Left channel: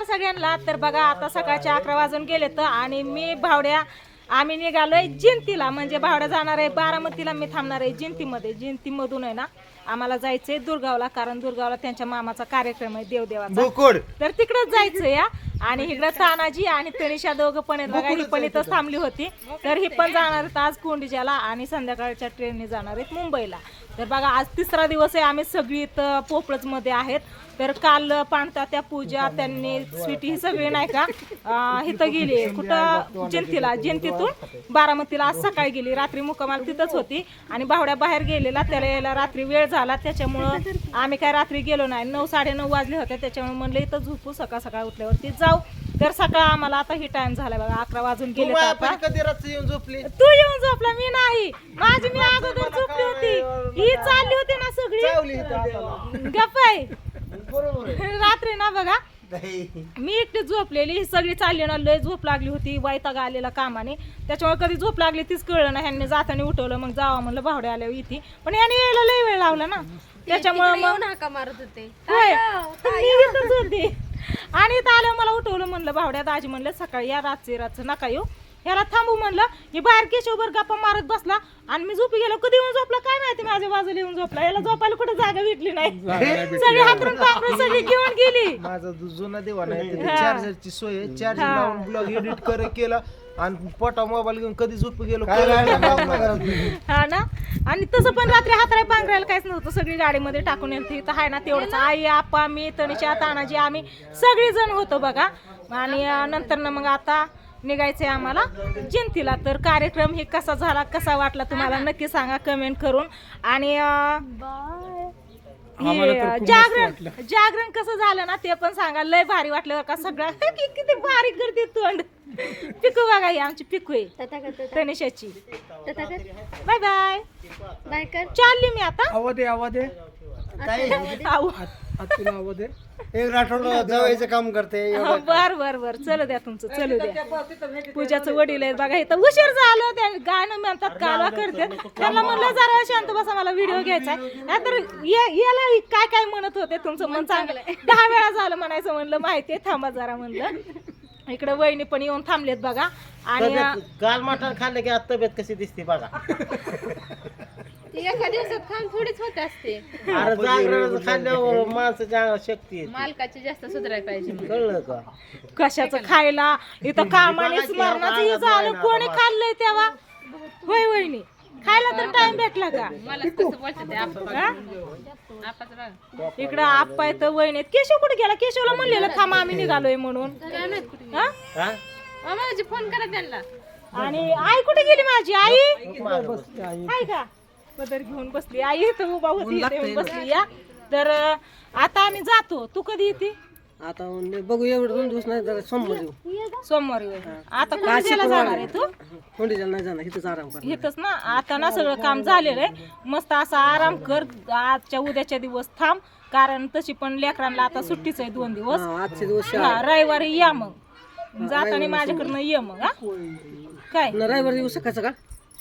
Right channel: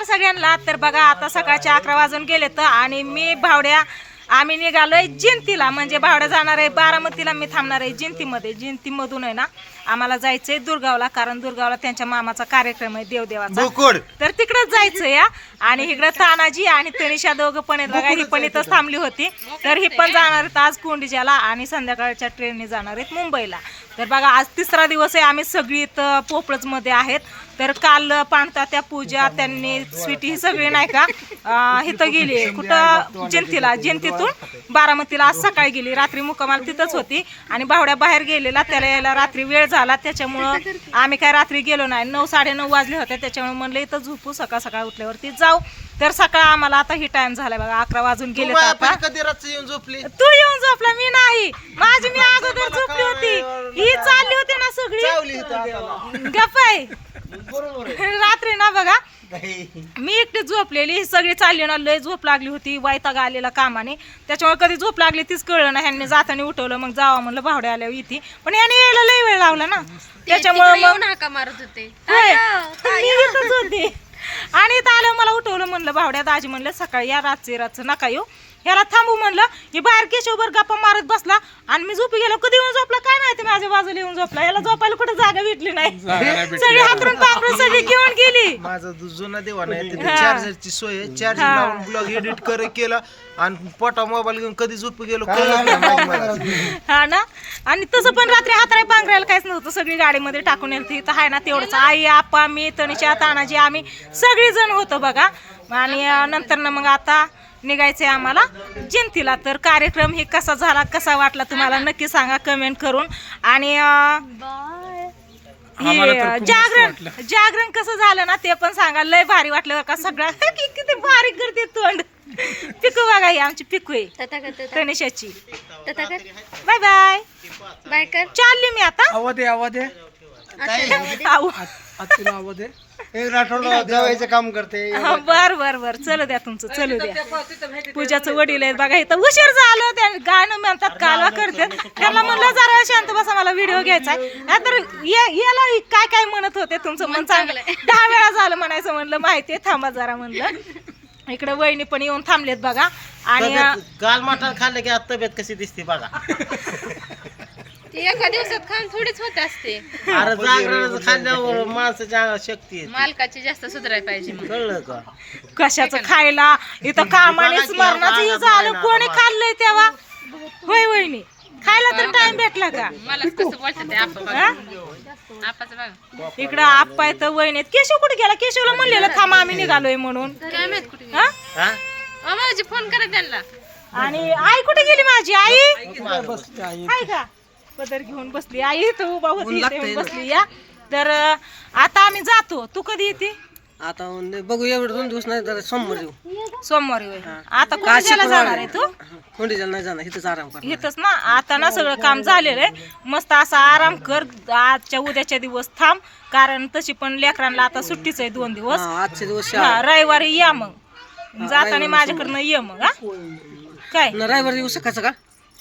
नमस्कार सगळ्यांना. तर बघा आता सकाळचे अकरा वाजून गेले तर आणि मी भावड्या आम्ही निघालोय जिंतीला. म्हणजे भावड्या जाणार आहे बारामतीला मी थांबणार आहे जिंतीमध्ये. जिंतीमधून आहे ना आम्हाला जायचंय दुर्गावला कारण दुर्गावला त्यांच्या मामाचा कार्यक्रम आहे देवदेवाचा. तर तिकडंच जायचं या आणि इकडं तानाजी आणि तनिषा दोघं पण बघा ही पण इथंच थांबली होती. तर ही पण जाणार आहेत आज कोंडिजाला आणि संध्याकाळच्या ट्रेनने जाणार आहेत मुंबईला. तर बघा आज तिसरा दिवस आहे आम्ही सगळी इथं पोपळजमध्ये आहेत. तर काल पाणता त्या पूजा त्यांनी स्वीटी ही सगळी नाही का इथं गेली. कुठं? जयंतीला जयंतीतून बारामतीला आज सकाळी गेली. रात्री मुक्कामाला तिथंच होती. आणि बावड्या बाहेर गेलेला त्याला यायला रात्री वेळ झाला. त्याच्यामुळं आम्ही काय रात्री गेलो नाही. नऊ साडेनऊ वाजले होते त्याच्यामुळे म्हणलं इथं झोपू सकाळ सकाळ उठल्यावरती जाऊ. तर सकाळ आम्हाला आता ही टाइम झालाय बघा अकरा वाजून गेले तर आता. कधी रात्री येऊन झोपली? तू येऊन झोपला मी नाही. माझी मी अगोदर झोपली होती. ही चालली होती ना चावली सगळी इथं हाताला. गप्प आहे. रात्री ना बघा मी एकटी झोपलेली ही सगळी चालली ना लय झोप लागली होती वैताग आलेला कामाने. त्याच्यामुळे कधी झोप लागली तीच कळलं ना ह्यांनी जाताना उठवलं मग जावा म्हणलं भावड्या आल्यावर इथे. पण याने यायला लय वेळ लावला ना. त्याच्यामुळे मग येऊन हाका मारत होते इथंच होते आणि इथं आलं मला उठवलं म्हणलं भावड्या दाजी म्हणलं सकाळी या रातचे रातचं नका येऊ. ह्याला थांबू म्हणलं हे बाहेर केशवभर गप्पा मारत बसला. आणि मी झोपी गेलो कधी येऊन झोपला? काय माहिती माझ्या बाजूला येऊन झोपला. याला झोपायला कुठे जागा भेटली नाही. सगळी हातरून पांघरून सगळी घेऊन गेली. माझा जो जुना देवाना आहे तिथे चार्जरची सोय आहे. चार्जिंग लावून ब्लॉग एडिट कर केला. आणि पोटा मोबाईल घेऊन कधी झोप गेलो कळलं नाही. हा ना? आणि तसं पण रात्री हातराय पांघरायला काहीच नव्हतं. सगळी गाडीमध्ये टाकून येईल इथं आहे ना तेवढंच. आई आप्पा मी तनिषा तानाजी आम्ही सगळी जण होतो बघा. आणि नंतर ना मग आता निघायचंय आम्हाला जयंतीला. तर कार्यक्रम हे कसा झाला कसा वाटला तुम्हाला नक्की सांगा कमेंट करून. आणि हे, जागरण जागरण कसं झालं ना ते पण सांगा. लय भारी वाटलं का सगळं. कि- किती भारी करते तोंड. पिकू बघा ही आमची पिकू आहे कर बाय बाय. बाय कर. चालली मी आता. आवाज दे आवाज दे. एक जेवायचं काम करते. हा, बर बर बर. चलू द्या तुमचं चलू द्या. पूजाचं वडील आहेत बघा इथं उशीर झालं त्या गाणं म्हणतात कालवा करतात त्यांना म्हणलं जरा शांत बसा मला व्हिडिओ घ्यायचा या- याला काय काय म्हणत होते तुमचं मन चांगलं? दहा वेळा झालं म्हणायचं म्हणलं माहितीये थांबा जरा म्हणलं. इकडे वहिनी पण येऊन थांबलेत बघा. आणि काल मटण खाल्लं की आज तब्येत कशी दिसते बघा. ती एका दिवसात खाऊन थोडीच होत असते. अरे जागरणाचं खाल्ल्यावर माणसाच्या अंगात शक्ती येते. मालकाची जास्त सुधारायला पाहिजे मग कळलं का? कशाचं खायला? इथं कामाने हे झालं कोणी खाल्लंय तेव्हा? होय वहिनी. खायला तर टाइम भेटला का? मला कसं बोलतात ते आपण हा? आपाचं बघा. इकडं आप्पा इथं वहिनीत केशव कुठे गेला? केशवला म्हणलेलं थांबा आम्ही निघालोय म्हणून. काय माहीत कुठे? गेली? हा? हा? अ, भाऊजी फोन करा त्यांना. आणि आई कुठे गेली माझी? आई? का? पदर घेऊन बसली. आई इथं उभा होती इथं येऊन बसली या. तर अं, आता आम्ही जातो. तू कधी येते? आता बघू एवढं दोन दिवस नाही जरा सोमवार येऊ. सोमवारी होय आता कोणाला जाणार आहे. तू? कोंडीच्या नाही जाणार इथंच आराम कर इथंच ना? आता ना सगळं काम झालेलं आहे. मस्त असा आराम कर. आजच्या उद्याच्या दिवस थांब. कारण तशी पण लेकरांना आता सुट्टीच आहे दोन दिवस. हा, आजचे दिवस हा, रविवारी या मग. जाताना माझ्याकडनं ये मग हा. काय? न रविवार येऊ सकाळचं का?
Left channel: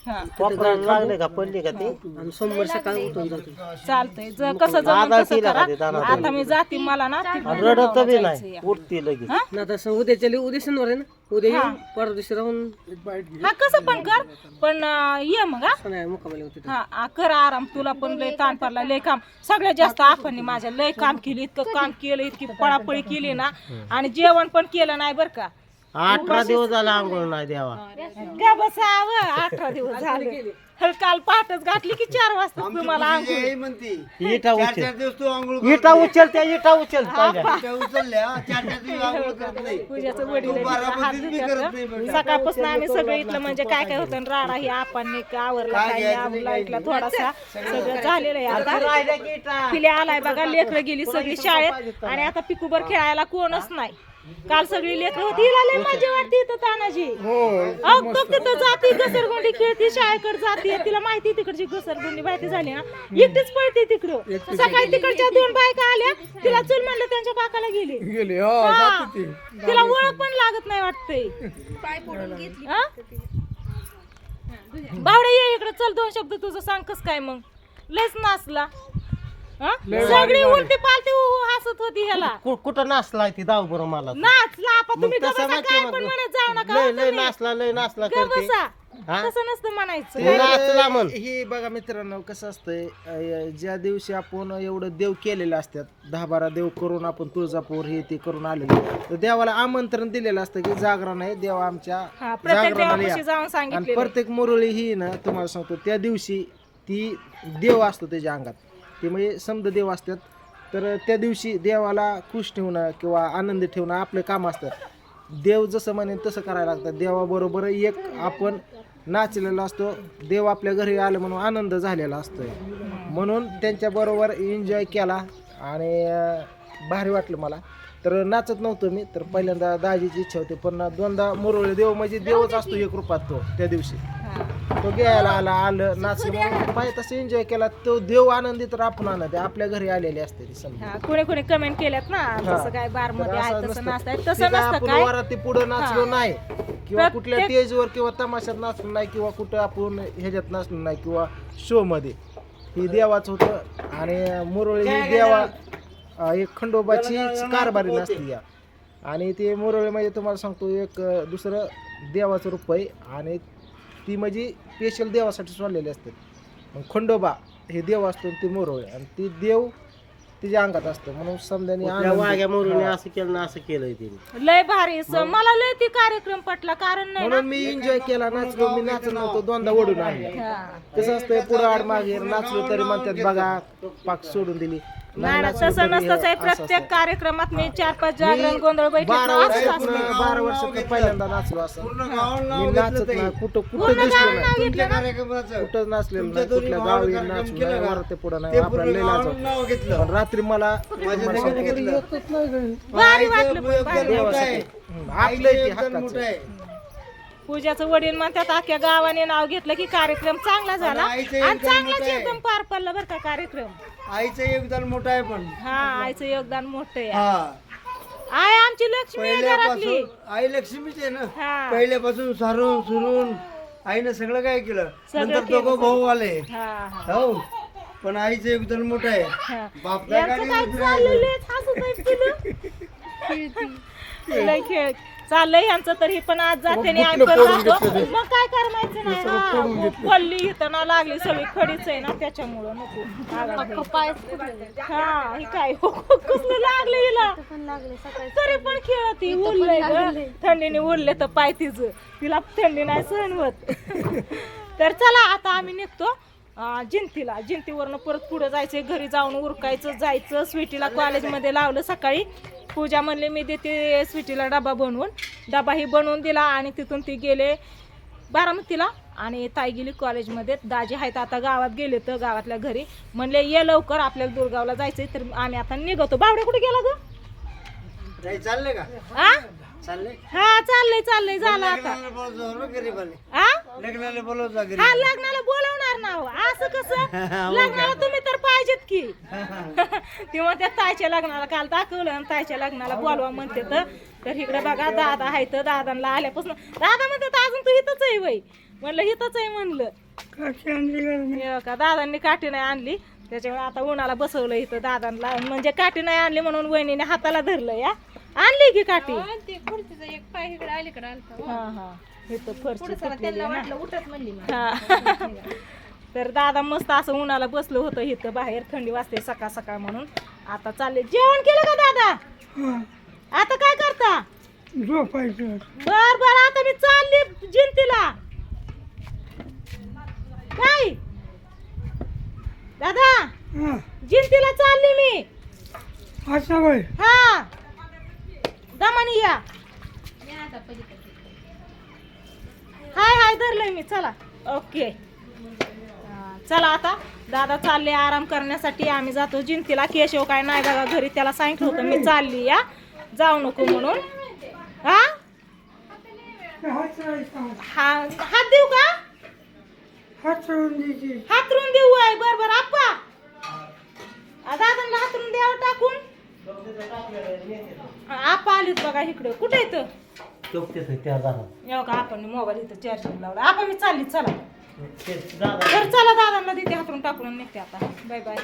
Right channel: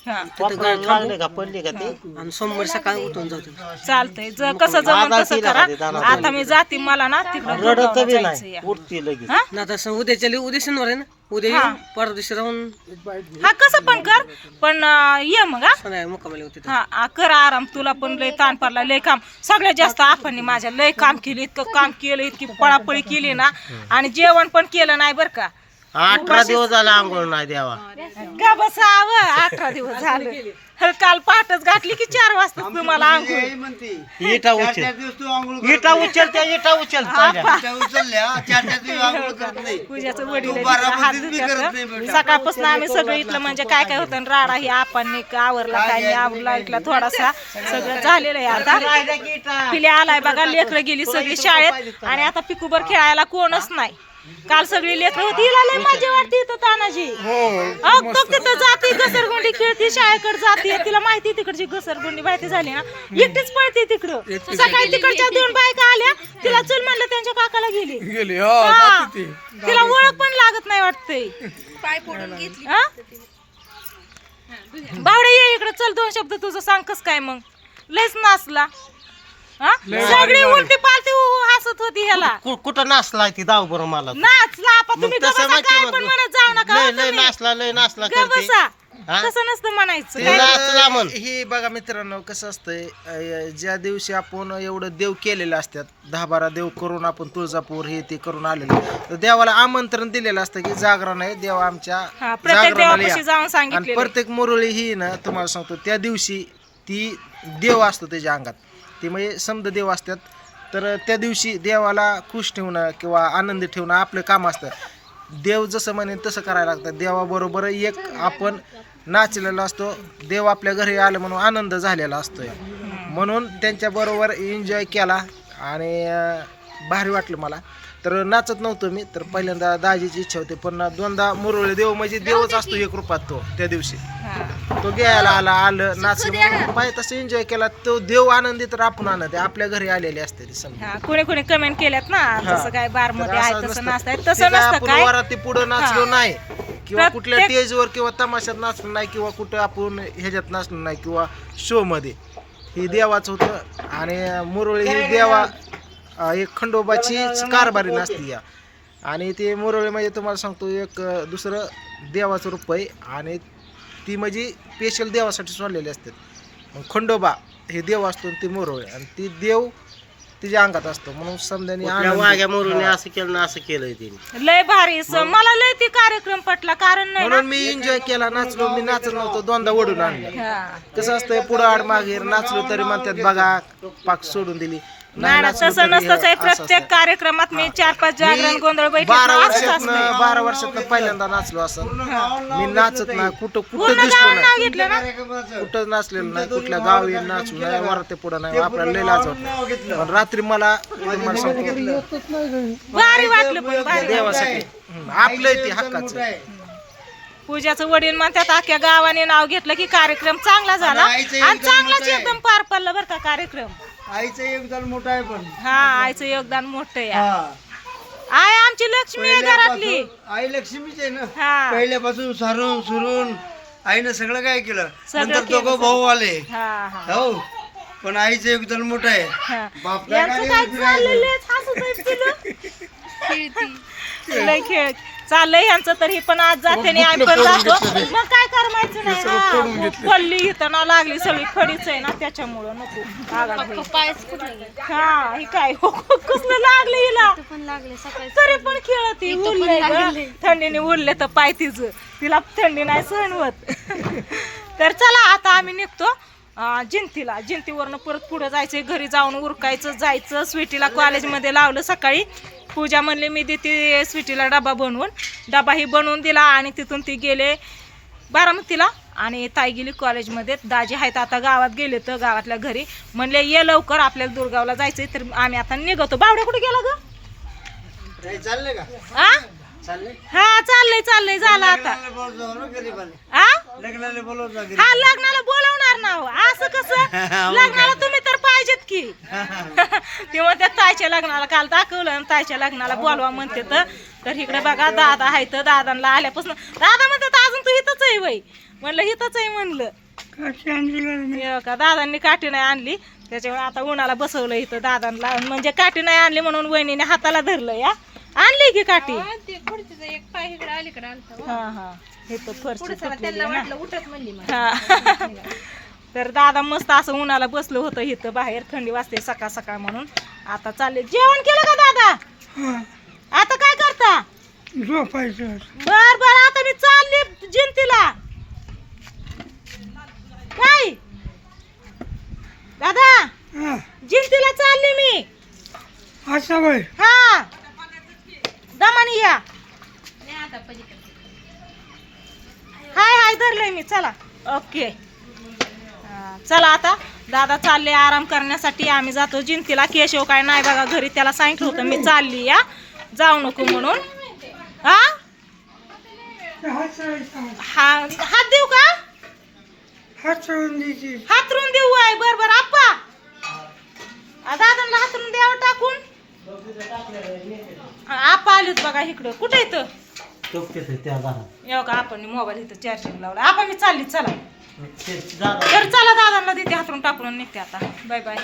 हा. वापरायला लागले का? पडले का ते? आणि सोमवारी सकाळी उठून जाऊ तिथे. चालतंय. ज कसं तसं करा. आता मी जाते मला ना तिकडं रडत बी जायचं नाही. या. उठते लगेच. हा? ना तसं उद्याच्या उद्या शनिवार आहे ना? उद्या येऊ परवा दिवशी राहून हा कसं पण कर. पण अं, ये मग हा. मुक्कामाला तिथे. हा आ, कर आराम. तुला पण लय ताण पडला लय काम. सगळ्यात जास्त आपण माझ्या लय काम केली इतकं काम केलं इतकी पळापळी केली ना. आणि जेवण पण केलं नाही बर का. अठरा दिवस झाला आंघोळ नाही द्यावा गा बसाव. अठरा दिवस झाले. हल काल पहाटच घातली की चार वाजता तुम्हाला आंघोळ. म्हणते. इटा चार उचल. चार दिवस तू आंघोळ इटा उचल त्या इटा उचल पहिल्या. त्या उचलल्या चार चार दिवस आंघोळ करत नाही. पूजाचं वडील तू आहे, बारामतीत हात बी करत धुत्यात. नाही बेटा. सकाळपासून आम्ही सगळं इथलं म्हणजे काय काय होतं आणि राडा ही आपण आवरला काय नाही आवरला इथला थोडासा. सगळं झालेलं आहे आता. पिल्या आलाय बघा लेकरं गेली सगळी शाळेत आणि आता पिकूबर खेळायला कोणच नाही. काल सगळी लेकरं होती. हिला लय मजा वाटते इथं तानाजी अहो, बघ तिथं जाती घसरगुंडी खेळती शाळेकडे जाते. तिला माहिती तिकडची घसरगुंडी माहिती झाली ना? एकटीच पळते तिकडं. सकाळी तिकडच्या दोन बायका आल्या. तिला चल म्हणलं त्यांच्या काकाला गेली. गेली. हा. तिला ओळख पण लागत नाही वाटतंय. पाय पडून घेतली. हा? बावडे ये इकडे. चल दोन शब्द तुझं सांग कस काय मग? लयच नाचला. हा? सगळी उलटी पालती होती ह्याला कु- कुठं नाचलाय ती दाव बरं मला नाचला आपा मग तुम्ही तसं गबसा माहिती काय मग. पण म्हणत जाऊ नका लय हो लय तुम्ही. नाचला लय नाचला करते गबसा हा? तसं नसतं म्हणायचं ते नाचला म्हण. हे बघा मित्रांनो कसं असतंय ज्या दिवशी आपण एवढं देव केलेलं असतात दहा बारा देव करून आपण तुळजापूर हे ते करून आलेलो तर देवाला आमंत्रण दिलेलं असतं की जागरण आहे देव आमच्या हा, प्रत्येक जागरणाला देवापाशी या. जाऊन आणि. प्रत्येक मुरळी ही ना तुम्हाला सांगतो त्या दिवशी ती देव असतो त्याच्या अंगात ते म्हणजे समद देव असतात तर त्या दिवशी देवाला खुश ठेवणं किंवा आनंदी ठेवणं आपलं काम असतं. देव जसं म्हणेल तसं करायला लागतं. देवाबरोबर एक आपण नाचलेला असतो. देव आपल्या घरी आलं म्हणून आनंद झालेला असतो म्हणून त्यांच्याबरोबर एन्जॉय केला आणि भारी वाटलं मला. तर नाचत नव्हतो मी तर पहिल्यांदा दाजीची इच्छा होती. पण दोनदा मुरवळे देव म्हणजे देवच असतो एक रूपात तो त्या दिवशी. तो घ्यायला आला आलं नाचलं पाहिजे तसं एन्जॉय केला तो देव आनंदी तर आपण आनंद. आपल्या घरी आलेले असते ते समजा. कोणी कोणी कमेंट केल्यात ना तसं काय बारमध्ये आहे तसं तसं नसतं आपण काय? वरात ते पुढं नाचलो नाही किंवा कुठल्या स्टेजवर किंवा तमाशात नाचलो नाही किंवा कुठं आपण ह्याच्यात नाचलो नाही किंवा शो मध्ये. ही देवाचं होतं. आणि मुरळी ही देवा एक खंडोबाची कारभारी नसती या. आणि ते मुरळी म्हणजे तुम्हाला सांगतो एक दुसरं देवाचं रूप आहे आणि ती म्हणजे स्पेशल देवासाठी सोडलेली असतात मग खंडोबा हे देव असतो आणि ती मुरळी. आणि ती देव तिच्या अंगात असतो. म्हणून वाघ्या मोरूने असं केलं ना असं केलंय तिने. लय भारी स- मला लय ती कार्यक्रम पटला. कारण नाही म्हणून मी एन्जॉय केला नाचलो. मी नाचत नव्हतो दोनदा ओढून आणलं. हा. कसं असतंय पुढं आड मागे नाचलो तरी म्हणतात बघा पाक सोडून दिली. नाही ना, तसं तरी नसतंच आहे प्रत्येक. कार्यक्रमात मी चार पाच जागरण गोंधळ बैठक बारा असतं. बारा वर्षातनं पहिल्यांदा नाचलो असं. मी नाचत नाही कुठं कुठं दिसलो नाही. कुठं नाचलेलं नाही कुठल्या गावी नाचलो नाही वरते पुढं नाही आपल्याला लय लाज वाटते. पण रात्री मला तुम्हाला सांगतो. भारी वाटलं पण भारी देवासाठी. आपलं ते हक्काचं. पूजाचं वडील म्हणतात अख्ख्या गावाने नाव घेतलं की कार्यक्रम चांगला झाला. आणि आईचं आणि योगदान चांगलाच मोठं आहे. एकदम पार पडला बरं का कार्यक्रम. आईचं योगदान मोठं आहे पण. हा आईचं योगदान मोठं आहे. हा. आय आमची लक्ष्मी आहे घरातली. पहिल्यापासून- आई लक्ष्मीच आहे ना. हा. पहिल्यापासून सारून सुरून आईनं सगळं काय केलं? सगळं नंतर केलं, दोघं भाऊ आले हा हा. हो. पण आईचं योगदान मोठं आहे. हा. बाप यांचं काय चाललेलं आहे? हसत तुला. लय खेळ चाललंय यांचं तर हे पण आज जाते आणि आम्ही पण जातो. मग काय करमायचं नाही ना पल्ली इथं ना लागली सगळी खडीच आहे ना त्याच्यामुळं नको. पायच कुठलं हा हे काय? कसलं लागलं हिला? पण लागले सकाळी तरी पण खेळत ही इथं पण उरलंय ग. लागलंय. थंडीने उरले तर पाय तिचं. तिला थंडी नाही सहन होत. तर चला आता आम्ही निघतो. जिंतीला. जिंतीवरनं परत पुढे जायचंय. घरी जाऊन उरकायचं जायचं. स्वीटीला कॉलेजमध्ये लावलं सकाळी. पूजा म्हणली मी देते स्वीटीला डबा बनवून. डबा ही बनवून दिला आणि तिथून ती गेले बारामतीला. आणि ताई गेली कॉलेजमध्ये. दाजी आहेत आता गावात गेले तर गावातल्या घरी. म्हणले ये लवकर आपल्याला दुर्गावला जायचंय. तर आम्ही आता निघतो. बावड्या कुठे गेला ग? हा चाललंय चाललंय. झालं आता. हा लग्नाला बोलवणार ना हो. लग्नाला तुम्ही तर पाहिजेत की. ते म्हणतात ताईच्या लग्नाला काल दाखवलं आणि ताईच्या लग्नाला बोलवा म्हणते तर. इकडे बघा दादा आहे तर दादांना आल्यापासून. दादा म्हणतात अजून तू इथंच आहे वय म्हणलं इथंच आहे म्हणलं. का दादांनी काठी नाही आणली. त्याच्यामुळे आता उन्हाला बसवलं इथं दादांना. म्हणजे काठी नाही आणली म्हणून वहिनीने हाताला धरलं या. आणली की काठी? ते खुर्चीचा एक पाय इकडे अलीकडे आलता हा हा. हे तर फरशी हा. तर दादा मस्त असं उन्हाला बसलो होतं इथं बाहेर थंडी वाजते सकाळ सकाळ म्हणून. आता चालले. जेवण केलं का दादा? आता काय करता? झोपायचं बर बर आता मी चालली जिंतीला. काय? दादा जिंतीला चालली मी. असं वय हा. दमानी या. हाय हाय धरलंय मी. चला. ओके. चला आता दादा चालले आराम करण्यासाठी. आम्ही जातो जिंतीला. केशव काय नाही बघा घरी त्याला सांगितलं होतं मी चालली या. जाऊ नको म्हणून. हा? हा हात देऊ का? हातरून देऊ आहे. बर बर आप्पा. दादांना हातरून द्यावं टाकून. आप्पा आलेत बघा इकडं. कुठे येतं आपण मोबाईल इथं चार्जिंग लावला. आपण मी चालली. चला. तर चला दादांना देते हातरून टाकून निघते आता. Bye bye.